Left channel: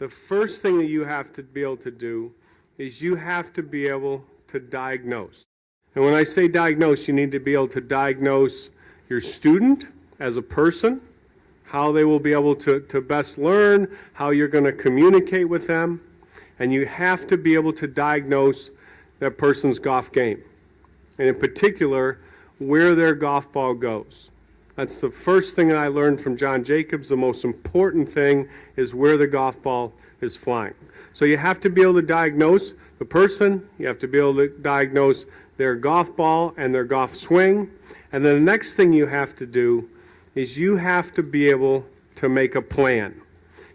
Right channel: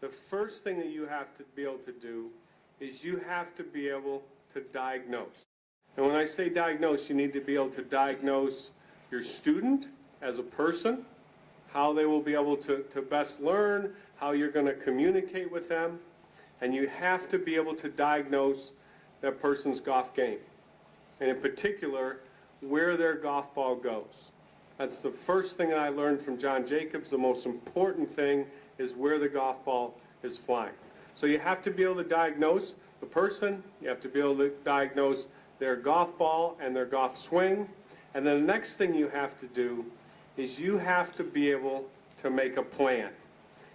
the first thing that you have to be able to do is you have to be able to diagnose. And when I say diagnose, you need to be able to diagnose your student as a person, how they will be able to best learn, how you're going to communicate with them, and you have to be able to diagnose that person's golf game, and in particular, where their golf ball goes. That's the first thing I learned from John Jacobs. The most important thing is where the golf ball is flying. So you have to be able to diagnose the person, you have to be able to diagnose their golf ball and their golf swing, and then the next thing you have to do is you have to be able to make a plan.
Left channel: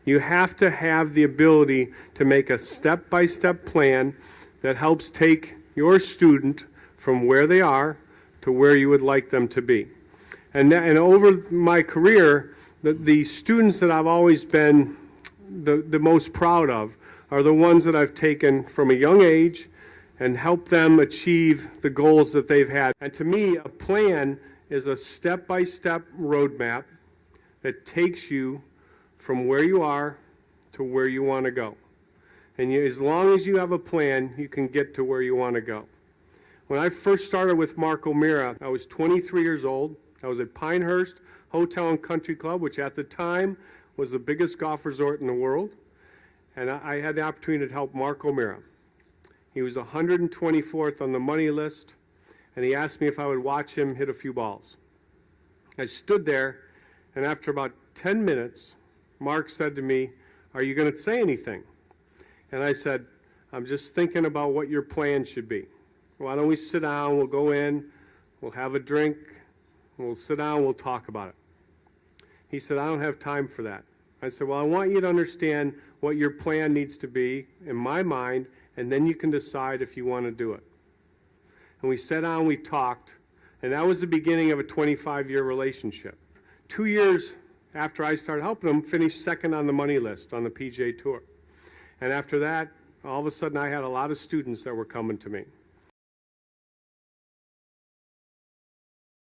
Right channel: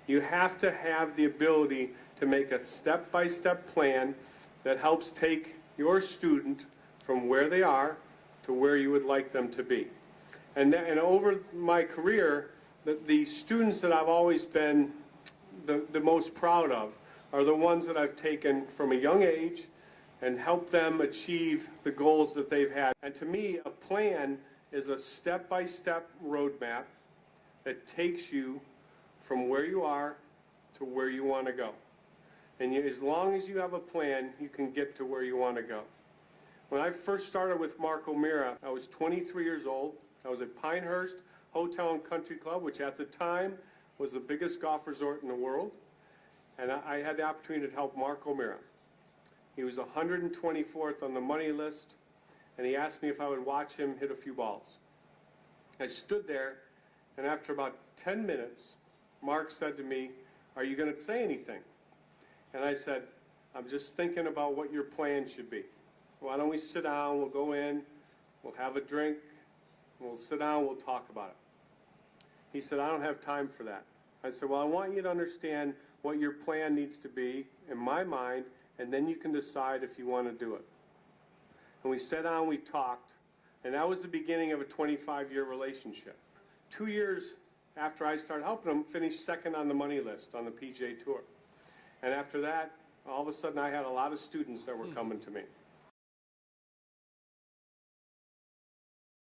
You have to have the ability to make a step-by-step plan that helps take your student from where they are to where you would like them to be. And over my career, the students that I've always been the most proud of are the ones that I've taken from a young age and helped them achieve the goals that they've had. And to me, a plan is a step-by-step roadmap that takes you from where you are to where you want to go. And as long as you have a plan, you can get to where you want to go. When I first started with Mark O'Meara, I was 23 years old. I was at Pinehurst Hotel and Country Club, which at the time was the biggest golf resort in the world. And I had the opportunity to help Mark O'Meara. He was 124th on the money list, and he asked me if I would watch him hit a few balls. I stood there, and after about 10 minutes, Mark said to me, "Are you going to say anything?" And I said, "I'm just thinking about what your plan should be. Why don't we sit down, we'll go in, we'll have a drink, we'll sit down, we'll talk about it." He said, "I don't have time for that." I said, "Well, I want you to understand what your plan needs to be in my mind, and then you can decide if you want to do it." And we sat down, we talked, and that was the beginning of a 25-year relationship. 2 years after I started helping him, finished second on the money list on the PGA Tour. And after that, all of a sudden I had a lot of students that were coming to me.